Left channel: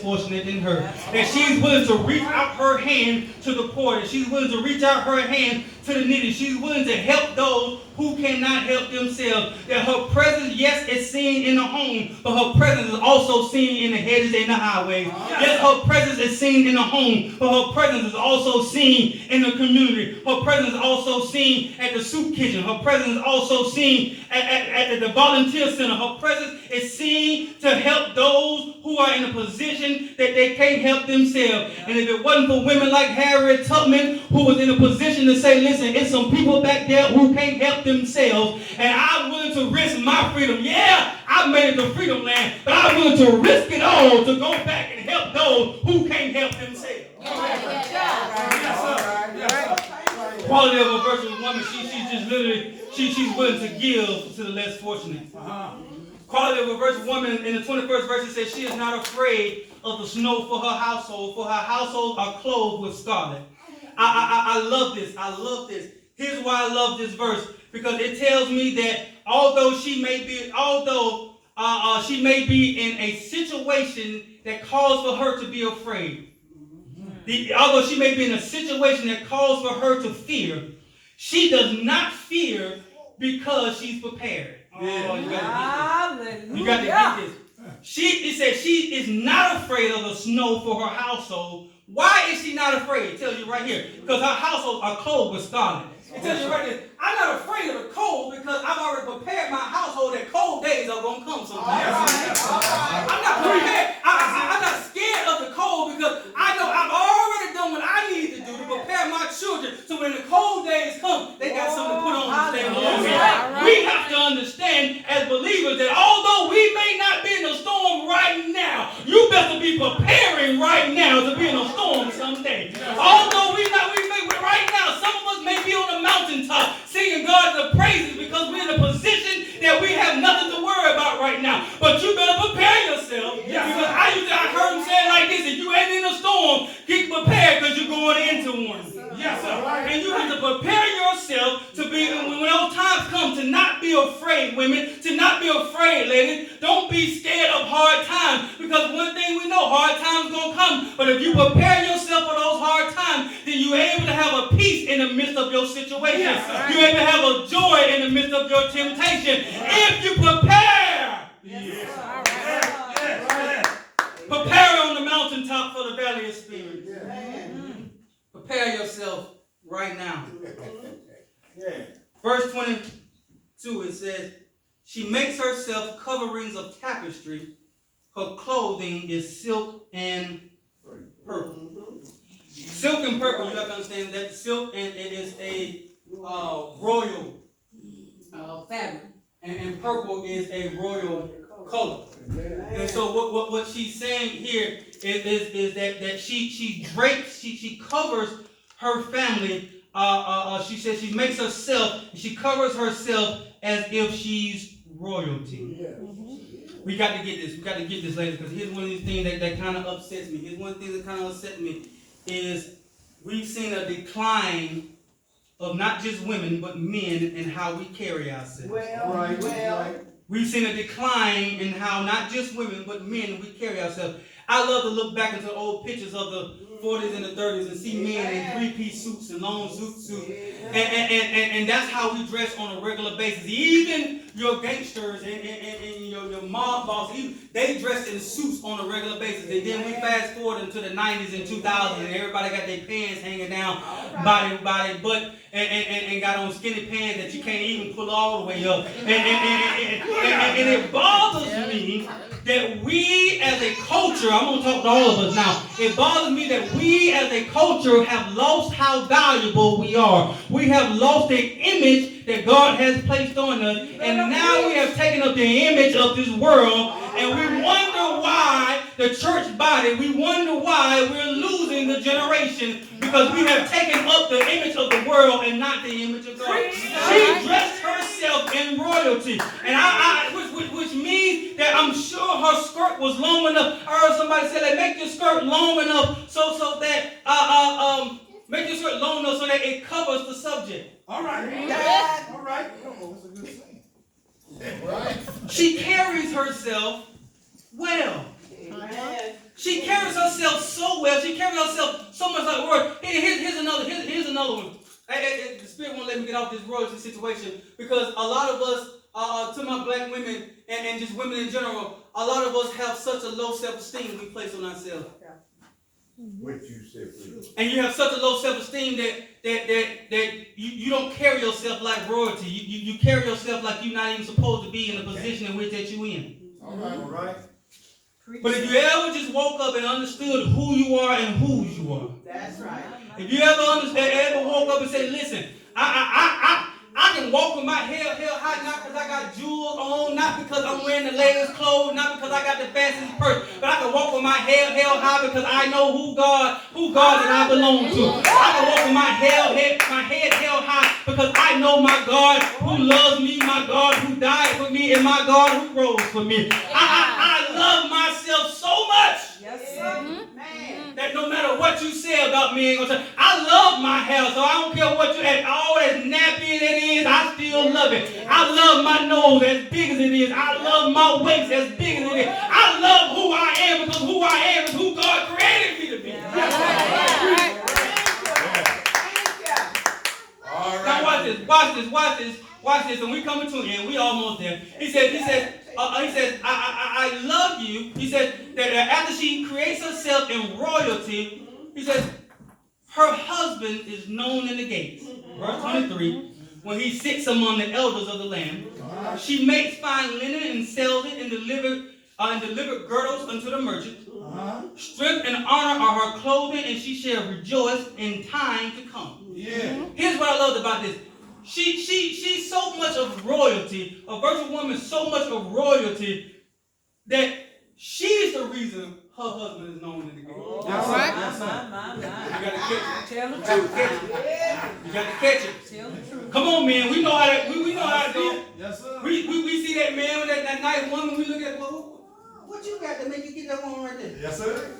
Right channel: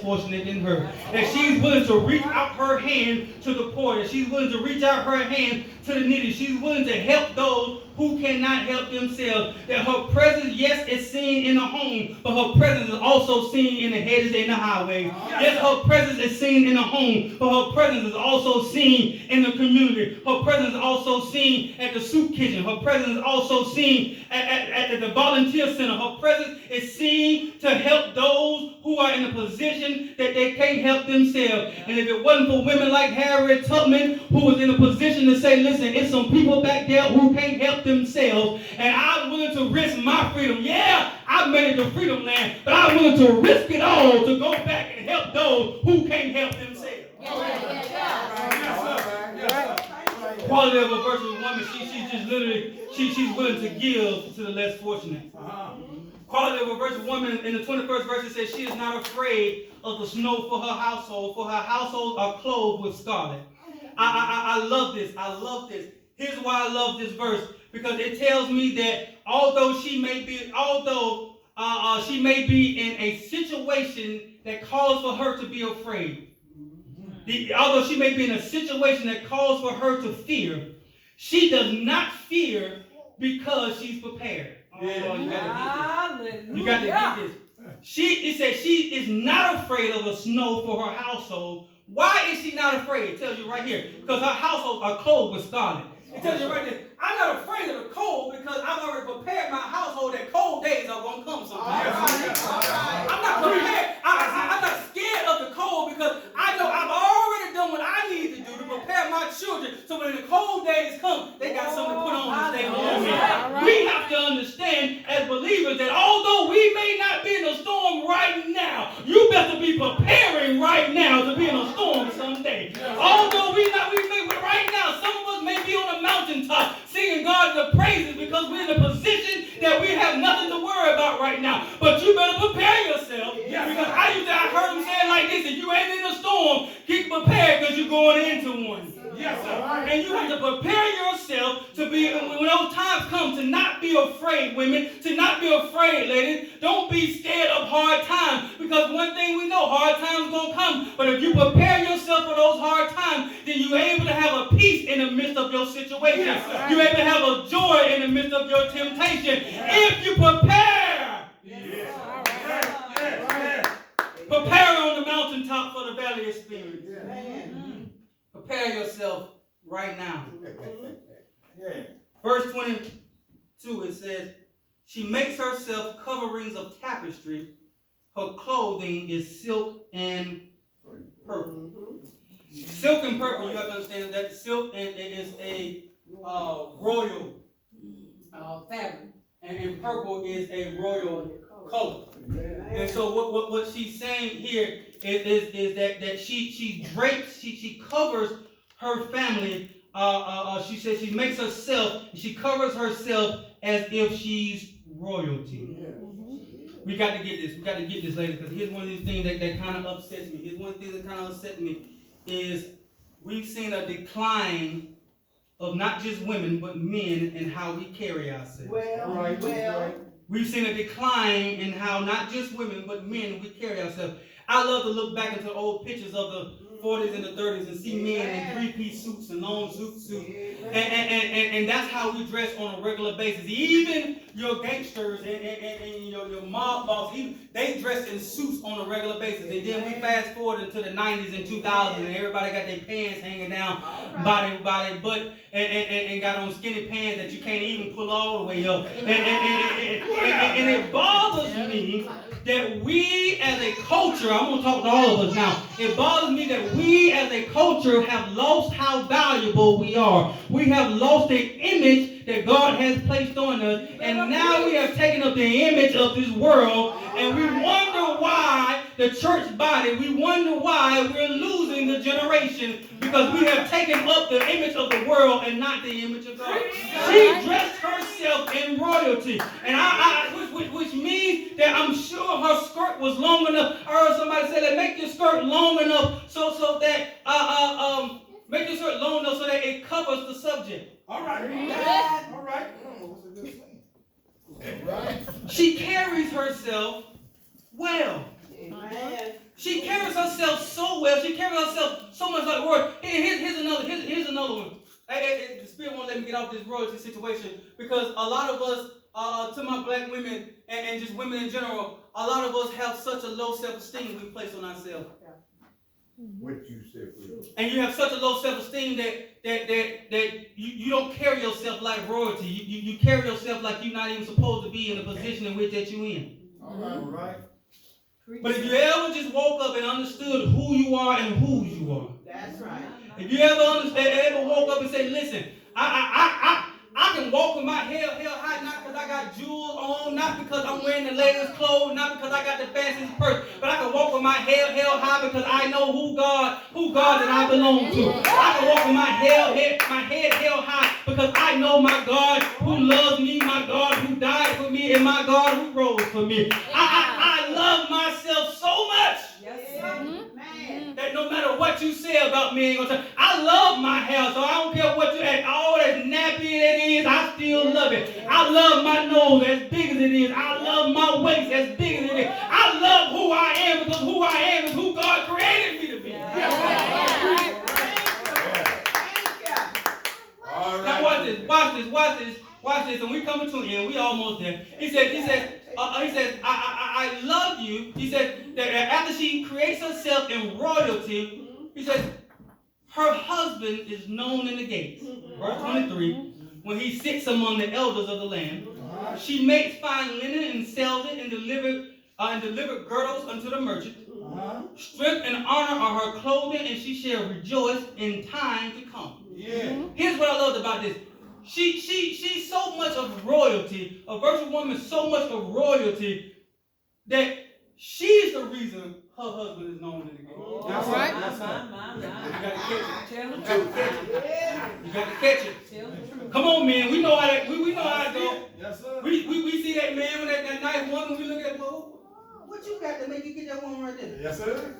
fortunate than her. That she's willing to reach out her hand to the poor. That she's willing to reach out her hand to the needy. She's willing to help those who cannot help themselves. That her presence, yes, is seen in the home, but her presence is also seen in the hedges and the highways. Yes, her presence is seen in the home, but her presence is also seen in the community. Her presence is also seen at the soup kitchen. Her presence is also seen at the volunteer center. Her presence is seen to help those who are in a position that they can't help themselves. And if it wasn't for women like Harriet Tubman, who was in a position to say, listen, it's some people back there who can't help themselves, and I'm willing to risk my freedom. Yeah, I made it to freedom land, but I'm willing to risk it all to go back and help those who can't help themselves. Quality of a virtuous woman, she's just literally, she's willing to give to the less fortunate. Quality of a virtuous woman, in the 21st verse, it says, she is not afraid of the snow for her household are clothed with scarlet. I love this. I love this. Here's why I love this verse, because it tells me that although she may be in a situation that calls for her to be afraid, although she may be in a situation that calls for her to fear, she does not fear because she's prepared. Oh, you gotta get this. You gotta get this. It says she is not afraid of the snow for her household. Why is she not afraid? It tells you right here. Because her household are clothed with scarlet. It tells you right there, I'm not afraid of the cold because I've already prepared my household that cold days are going to come sometime. I'm not prepared. I'm not scared of the cold because I know I've already done what I need to do to prepare my children so when the cold days come, they got something to put on to stay warm. We have to understand as believers that although we may not be in a storm right now, you better be preparing right now to be in a storm someday. Although we may right now, some of us may be on a mountaintop singing God the praises because we're in a position that we have nothing to worry about right now. But you better prepare yourself. Because I heard him say it like this: if you ain't in a storm, get prepared because you're going into one. Yes, sir. And you have to prepare yourself to be, when those times come, to not be afraid, women, to not be afraid, ladies. Don't be scared of hard times, because one thing we know, hard times going to come. But if you prepare yourself for those hard times, then you're able to have a peace in the midst of your situation. Yes, you're able to have a joy in the midst of your temptation. If you prepare. Yes. Prepare on the mountaintop for the valley of spirits. Prepare yourself right now. Verse 22, it says, she makes herself coverings of tapestry. Her clothing is silk and purple. Silk and purple, you have to understand that silk and it is a royal fabric. And purple is a royal color. And so what she's saying here is that she drapes, she covers her family. She says she makes herself, she covers herself as if she's royalty. We got to get this. We got to get this, ladies, because here's one of these things that kind of upsets me. Here's one of the things that kind of upsets me is we've seen a decline of not just women, but men and how we carry ourselves. We've seen a decline in how not just women, but men, we carry ourselves. I love to look back into old pictures of the 40s and the 30s and see men in three-piece suits and long suits. And that's how we dress on a regular basis. Even your gangsters and your mob bosses, they dress in suits on a regular basis. And then we fast forward into the 90s and 2000s, and everybody got their pants hanging down by their butt and got on skinny pants that you can't even pull all the way up. And it bothers me that we as a culture, I'm going to talk to all of us now, it bothers me that we as a culture have lost how valuable we are. We have lost the image that God has placed on us, and now we have taken up the image of this world, and we wonder why the church body, we wonder why we're losing the generation, because we have taken up the image of the world and not the image of God. She dressed herself in royalty, and which means that I'm sure her skirt was long enough. I heard somebody say that make your skirt long enough so that make your skirt long enough so that it covers the subject. All right. All right. That's a good thing. She carries herself well. She carries herself so well. She carries herself so much like the word. Here's another one. The Spirit won't let me get off this royalty situation because a lot of us, to my black women and just women in general, a lot of us have such a low self-esteem we place on ourselves. What you said, and you have such a low self-esteem that you don't carry yourself like royalty. You carry yourself like you're not even supposed to be in the position in which that you're in. all right. But if you ever just woke up and understood who you are and whose you are. That's right. If you ever woke up and say, listen, I can walk with my head held high, not because I got jewels on, not because I'm wearing the latest clothes, not because I got the fanciest purse, but I can walk with my head held high because I know who God that I belong to. I can walk with my head held high because I know my God who loves me, my God who died for me, and my God who rose for me. I love myself so much. Yes, sir. That no matter what you say about me, ain't gonna change. I love my hair, so I don't care what you add. All that nappy that is, I still love it. I love my nose as big as it is. I love my waist as big as it is. I love who I am because who I am is who God created me to be. All right. Now watch this, and we coming to an end. We almost there. He says, I love you. He said that after she creates herself in royalty, he says, her husband is known in the gates. Verse 23, when he sits among the elders of the land, she makes fine linen and sells it and delivered girdles unto the merchant. Strength and honor are her clothing, and she shall rejoice in time to come. Yeah. Here's what I loved about this. She's so much of royalty, a virtual woman, so much of royalty that she's the reason her husband is known in the game. All right. You gotta catch it. Tell the You truth. got to catch it. Tell the truth. Come on, man. We know how to. We know how to do it. Yes, sir. We see that man with that nice woman. We look at, well, what you got to make you get that woman right there? Yes, sir.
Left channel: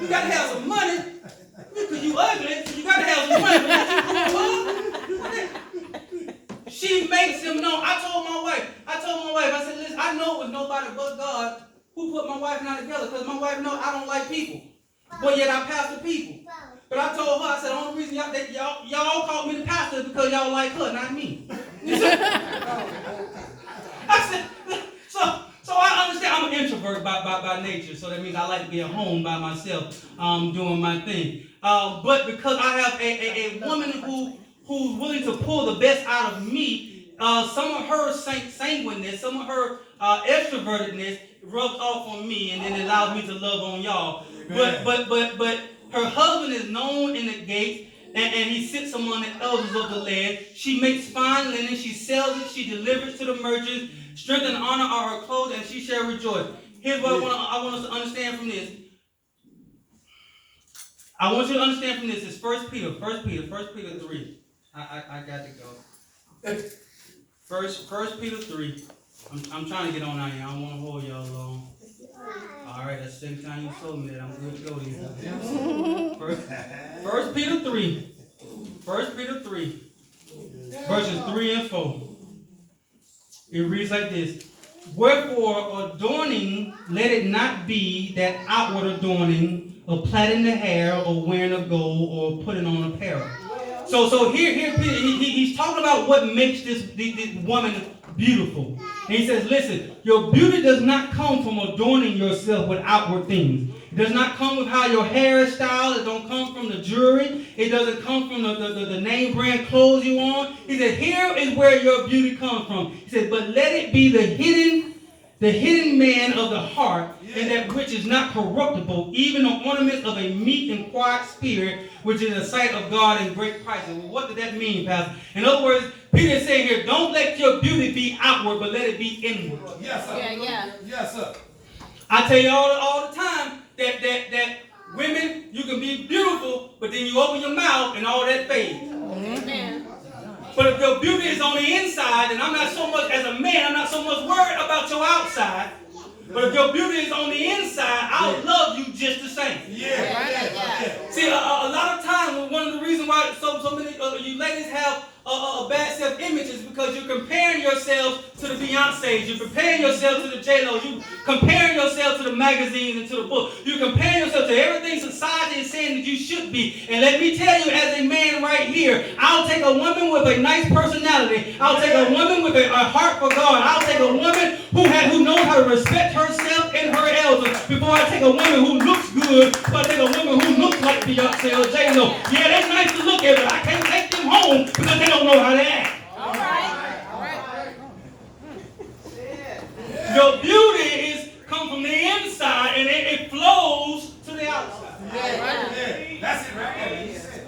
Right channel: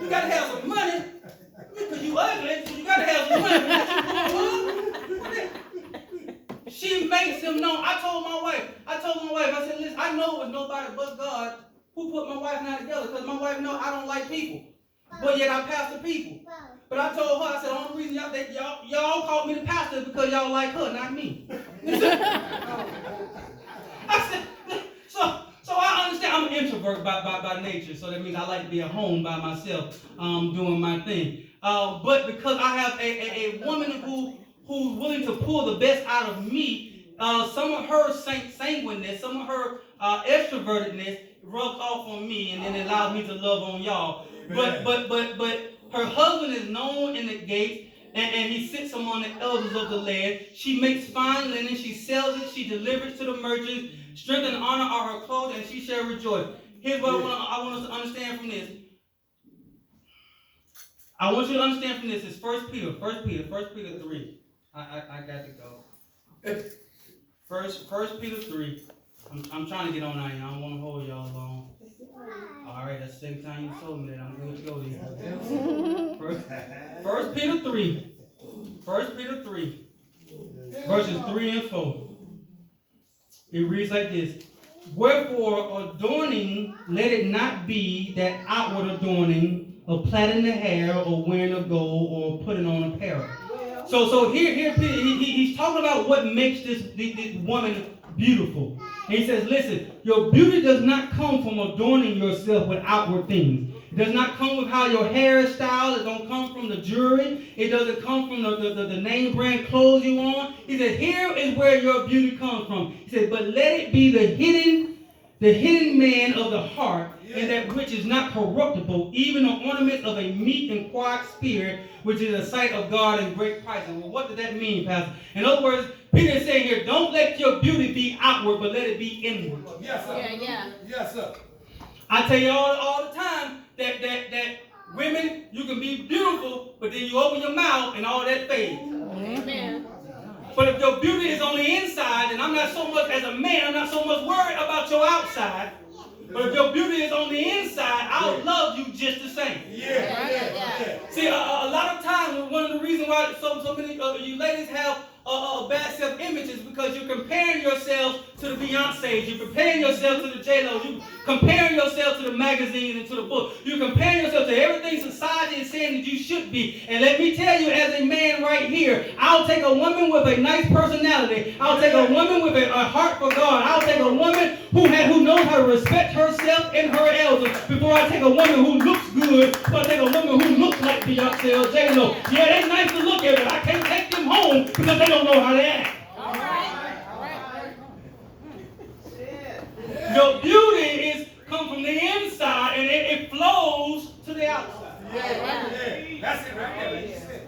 You got to have some money because you ugly. So you got to have some money. She makes him know. I told my wife, I said, listen, I know it was nobody but God who put my wife and I together because my wife knows I don't like people. But yet I pastor people. But I told her, I said, the only reason y'all called me the pastor is because y'all like her, not me. I said, so I understand I'm an introvert by nature. So that means I like to be at home by myself doing my thing. But because I have a woman who's willing to pull the best out of me, some of her sanguineness, some of her extrovertedness rubs off on me and then allows me to love on y'all. But her husband is known in the gates and he sits among the elders of the land. She makes fine linen, she sells it, she delivers to the merchants. Strength and honor are her clothes, and she shall rejoice. Here's what I want us to understand from this. I want you to understand from this. It's 1 Peter 3. I got to go. First Peter 3. I'm trying to get on out here. I don't want to hold y'all long. All right, that's the second time you told me that. I'm good to go here. First Peter 3. 1 Peter 3. Verses 3 and 4. It reads like this. Wherefore, adorning, let it not be that outward adorning of plaiting the hair or wearing of gold or putting on apparel. So here he's talking about what makes this woman beautiful. And he says, listen, your beauty does not come from adorning yourself with outward things. It does not come with how your hair is styled. It don't come from the jewelry. It doesn't come from the name brand clothes you on. He said, here is where your beauty comes from. He said, but let it be the hidden man of the heart, and that which is not corruptible, even the ornament of a meek and quiet spirit, which is the sight of God in great price. Well, what does that mean, Pastor? In other words, Peter is saying here, don't let your beauty be outward, but let it be inward. Yes, sir. Yeah. Yes, sir. I tell you all the time that women, you can be beautiful, but then you open your mouth and all that fades. Amen. But if your beauty is on the inside, and I'm not so much, as a man, I'm not so much worried about your outside. But if your beauty is on the inside, I'll love you just the same. Yeah. See, a lot of times, one of the reasons why so many you ladies have a bad self-image is because because you're comparing yourself to the Beyoncés. You're comparing yourself to the J-Lo. You're comparing yourself to the magazines and to the books. You're comparing yourself to everything society is saying that you should be. And let me tell you, as a man right here, I'll take a woman with a nice personality. I'll take a woman with a heart for God. I'll take a woman who knows how to respect herself and her elders before I take a woman who looks good, before I take a woman who looks like Beyonce or J-Lo. Yeah, they're nice to look at, but I can't take them home because they don't know how to act. All right. All right. Your beauty come from the inside and it flows to the outside. Yeah. That's it right there.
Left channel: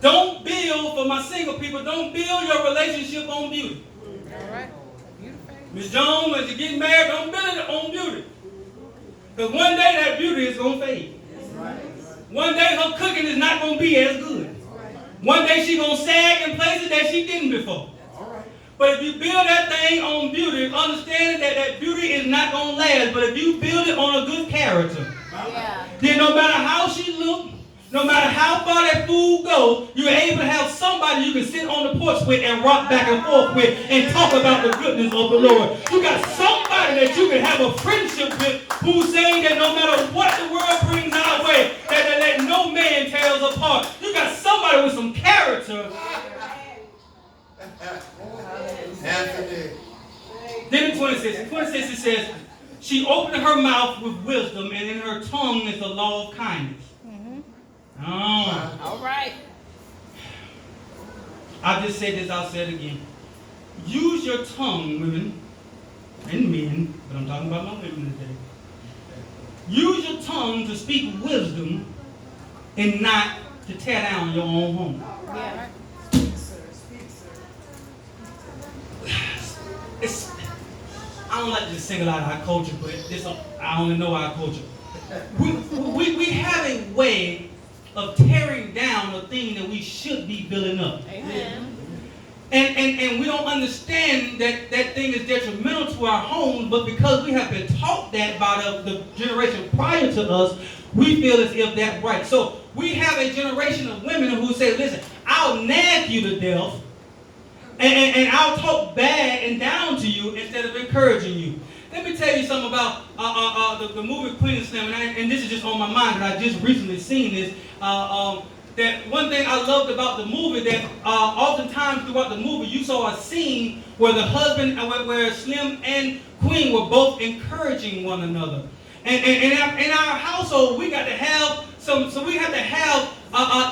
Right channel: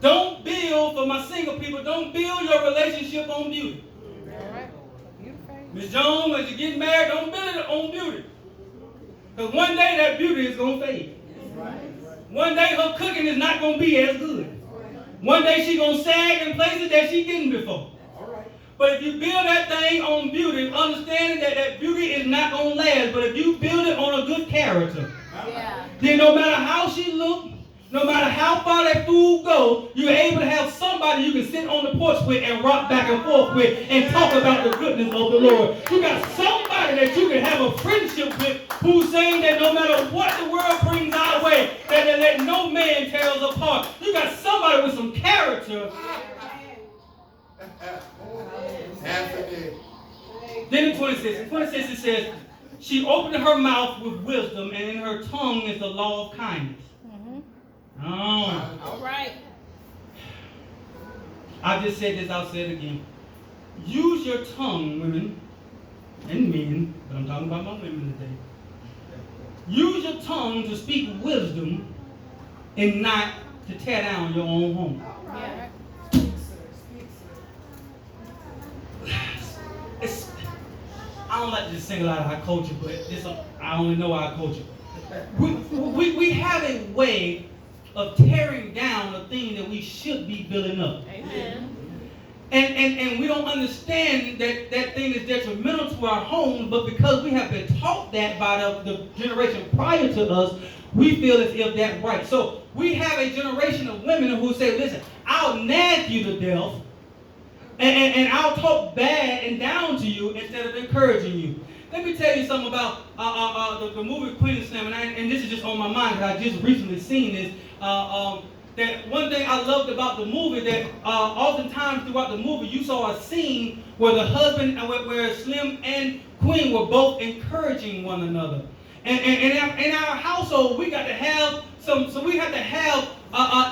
Don't build, for my single people, don't build your relationship on beauty. All right. Ms. Jones, when you get married, don't build it on beauty. Because one day that beauty is going to fade. One day her cooking is not going to be as good. One day she's going to sag in places that she didn't before. But if you build that thing on beauty, understanding that that beauty is not going to last, but if you build it on a good character, then no matter how she looks, no matter how far that food goes, you're able to have somebody you can sit on the porch with and rock back and forth with and talk about the goodness of the Lord. You got somebody that you can have a friendship with who's saying that no matter what the world brings our way, that no man tears apart. You got somebody with some character. Then in 26 it says, she opened her mouth with wisdom, and in her tongue is the law of kindness. Oh. All right. I just said this, I'll say it again. Use your tongue, women and men, but I'm talking about my women today. Use your tongue to speak wisdom and not to tear down your own home. Yeah. I don't like to just single out our culture, but I only know our culture. We have a way of tearing down the thing that we should be building up. Amen. And we don't understand that that thing is detrimental to our homes, but because we have been taught that by the generation prior to us, we feel as if that's right. So we have a generation of women who say, listen, I'll nag you to death, and I'll talk bad and down to you instead of encouraging you. Let me tell you something about the movie Queen of Slim, and this is just on my mind because I just recently seen this. That one thing I loved about the movie, that oftentimes throughout the movie you saw a scene where the husband, where Slim and Queen were both encouraging one another. And in our household, we got to have so we have to have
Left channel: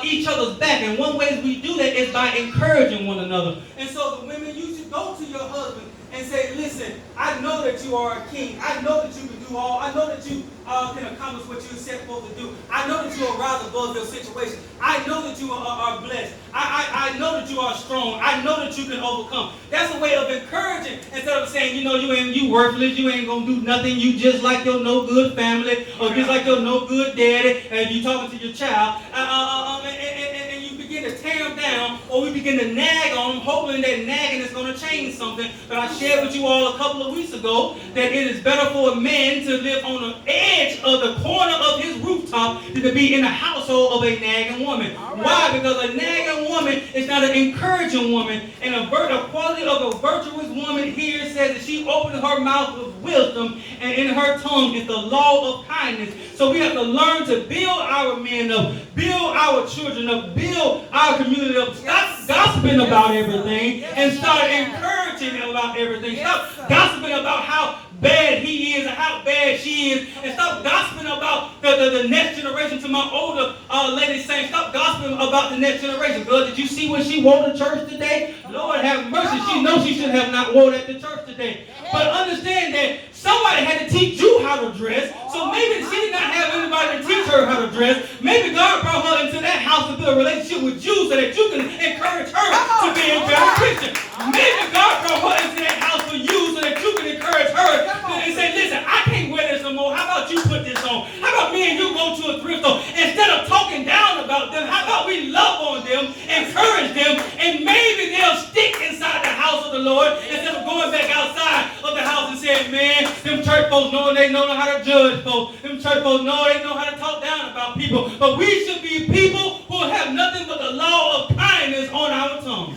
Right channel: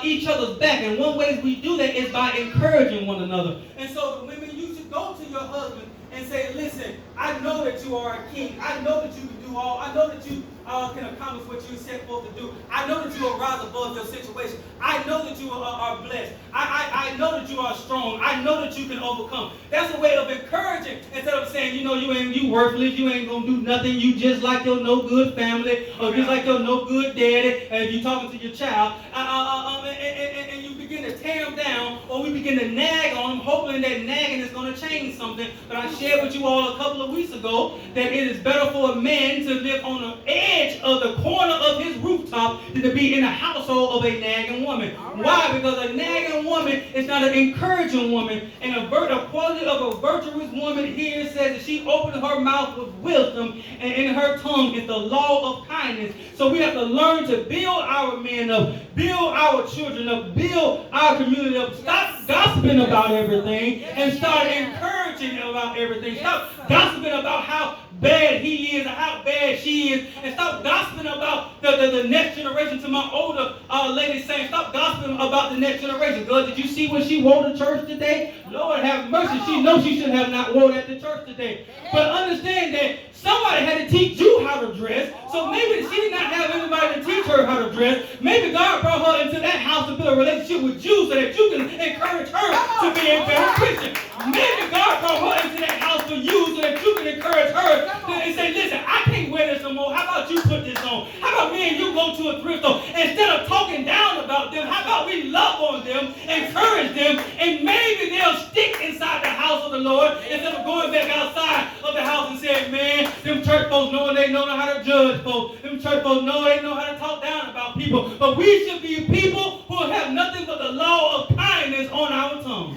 each other's back. And one way we do that is by encouraging one another. And so the women, you should go to your husband and say, listen, I know that you are a king. I know that you can do all. I know that you can accomplish what you're set forth to do. I know that you will rise above your situation. I know that you are blessed. I know that you are strong. I know that you can overcome. That's a way of encouraging instead of saying, you worthless, you ain't going to do nothing. You just like your no good family or just like your no good daddy and you talking to your child. And you begin to tear them down, or we begin to nag on them, hoping that nagging is going to change something. But I shared with you all a couple of weeks ago that it is better for a man to live on the edge of the corner of his rooftop than to be in the household of a nagging woman. Right. Why? Because a nagging woman is not an encouraging woman. And a quality of a virtuous woman here says that she opened her mouth with wisdom, and in her tongue is the law of kindness. So we have to learn to build our men up, build our children up, build our community up. Stop gossiping about everything and start encouraging about everything. Stop gossiping about how bad he is and how bad she is, and stop gossiping about the next generation. To my older lady saying, stop gossiping about the next generation. God, did you see what she wore to church today? Lord have mercy. She knows she should have not worn at the church today. But understand that somebody had to teach you how to dress. So maybe she did not have anybody to teach her how to dress. Maybe God brought her into that house to build a relationship with you so that you can encourage her to be a better Christian. Maybe God brought her into that house for you so that you can encourage her and say, listen, I can't wear this no more. How about you put this on? How about me and you go to a thrift store? Instead of talking down about them, how about we love on them, encourage them, and maybe they'll stick inside the house of the Lord instead of going back outside of the house and saying, man, them church folks know how to judge folks. Them church folks know how to talk down about people. But we should be people who have nothing but the law of kindness on our tongue.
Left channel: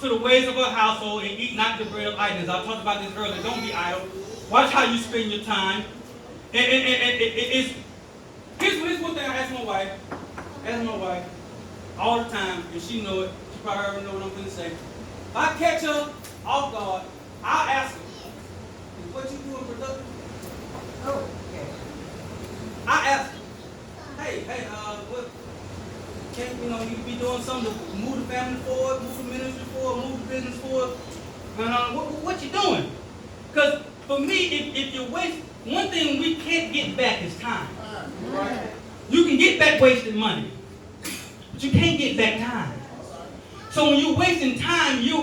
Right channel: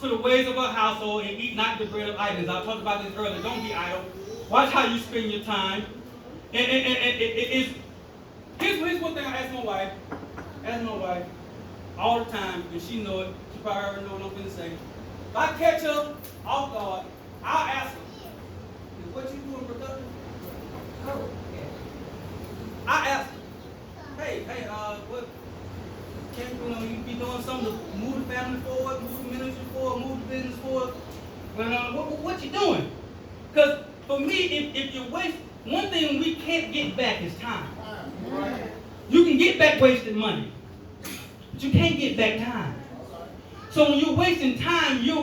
to the ways of her household and eat not the bread of idleness. I talked about this earlier. Don't be idle. Watch how you spend your time. Here's one thing I ask my wife. All the time, and she know it. She probably already know what I'm going to say. If I catch her off guard, I'll ask her, "Is what you doing productive?" Oh, I ask her, hey, what? Can't you be doing something to move the family forward, move the ministry forward, move the business forward? What you doing? Because for me, if you waste, one thing we can't get back is time. Right. You can get back wasted money, but you can't get back time. So when you're wasting time, you're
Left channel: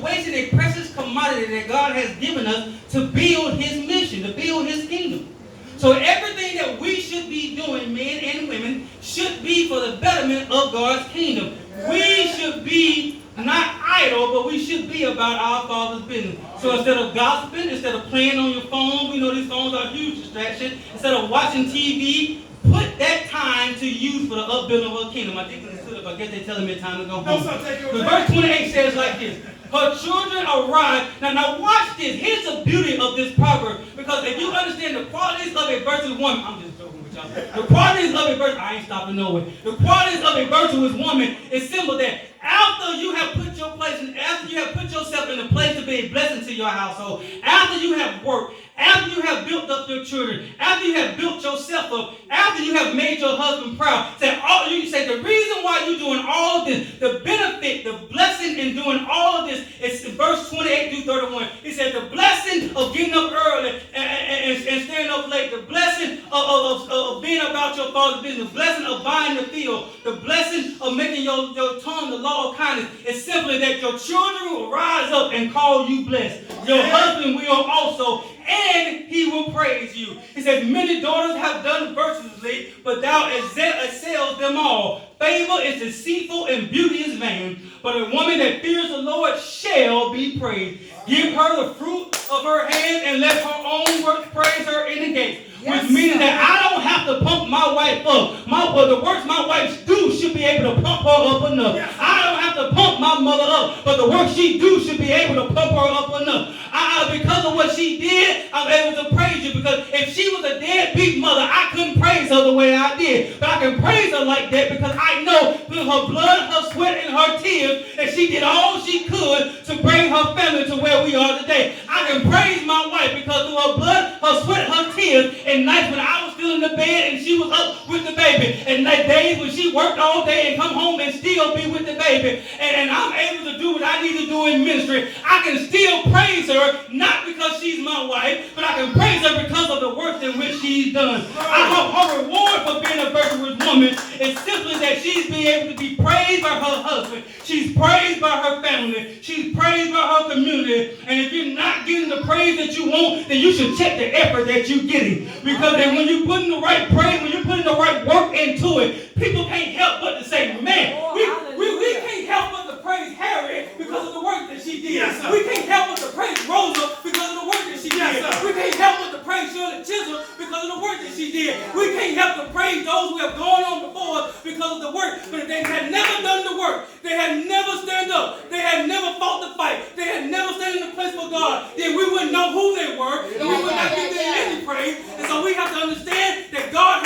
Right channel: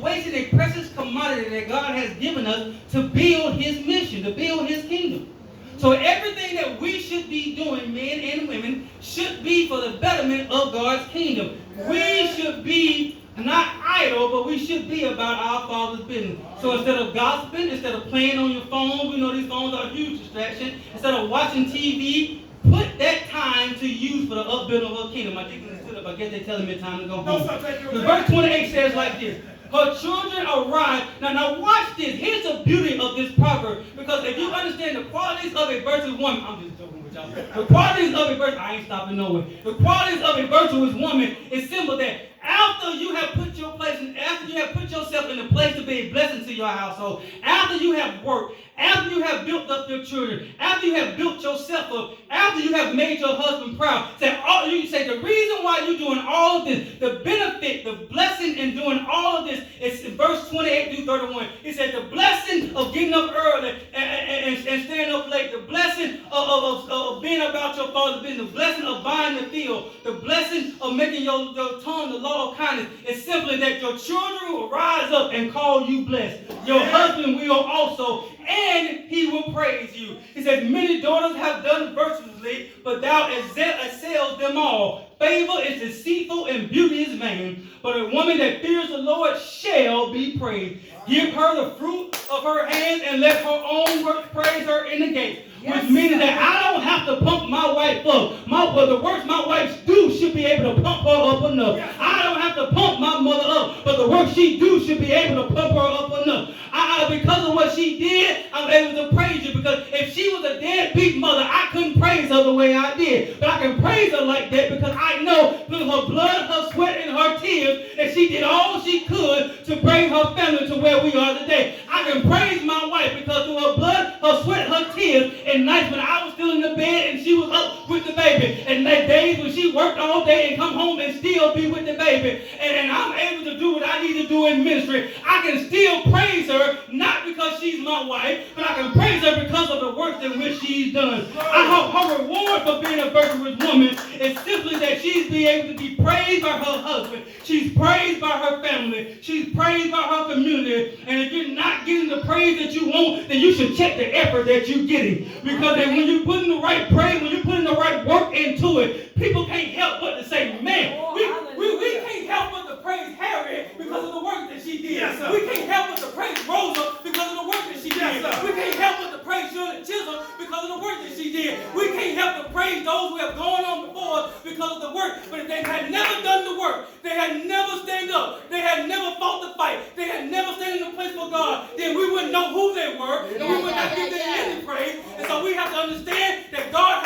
wasting a precious commodity that God has given us to build His mission, to build His kingdom. So everything that we should be doing, men and women, should be for the betterment of God's kingdom. We should be not idle, but we should be about our Father's business. So instead of gossiping, instead of playing on your phone, we know these phones are a huge distraction. Instead of watching TV, put that time to use for the upbuilding of our kingdom. I think I guess they're telling me time to go home. Verse 28 says like this. Her children arrive. Now watch this. Here's the beauty of this proverb. Because if you understand the qualities of a virtuous woman, I'm just joking with y'all. The qualities of a virtuous, I ain't stopping nowhere. The qualities of a virtuous woman is simple that after you have put your place in, after you have put yourself in a place to be a blessing to your household, after you have worked, after you have built up your children, after you have built yourself up, after you have made your husband proud, you say the reason why you're doing all of this, the benefit, the blessing in doing all of this is in verse 28 through 31. It says the blessing of getting up early and staying up late, the blessing of being about your Father's business, the blessing of buying the field, the blessing of making your tongue the law of kindness. It's simply that your children will rise up and call you blessed. Your husband will also, and he will praise you. He says, many daughters have done virtuously, but thou excels them all. Favor is deceitful and beauty is vain, but a woman that fears the Lord shall be praised. Give her the fruit of her hand and let her own work praise her in the gates. Which means that I don't have to pump my wife up. The works my wife do should be able to pump her up enough. I don't have to pump my mother up, but the work she do should be able to pump her up enough. Because of what she did, I'm able to praise you. Because if she was a deadbeat mother, I couldn't praise her the way I did. But I can praise her like that because I know through her blood, her sweat, and her tears that she did all she could to bring her family to where we are today. I can praise my wife because through her blood, her sweat, her tears, and nights when I was still in the bed and she was up with the baby, and like days when she worked all day and come home and still be with the baby, and I'm able to do what I need to do in ministry, I can still praise her, not because she's my wife, but I can praise her because of the works in which she's done. I hope her reward for being a virtuous woman is simply that she's be able to be praised by her husband, she's praised by her family, she's praised by her community, and if you're not getting the praise that you want, then you should check the effort that you're getting. Because then when you put in the right praise, when you put in the right work into it, people can't help but to say,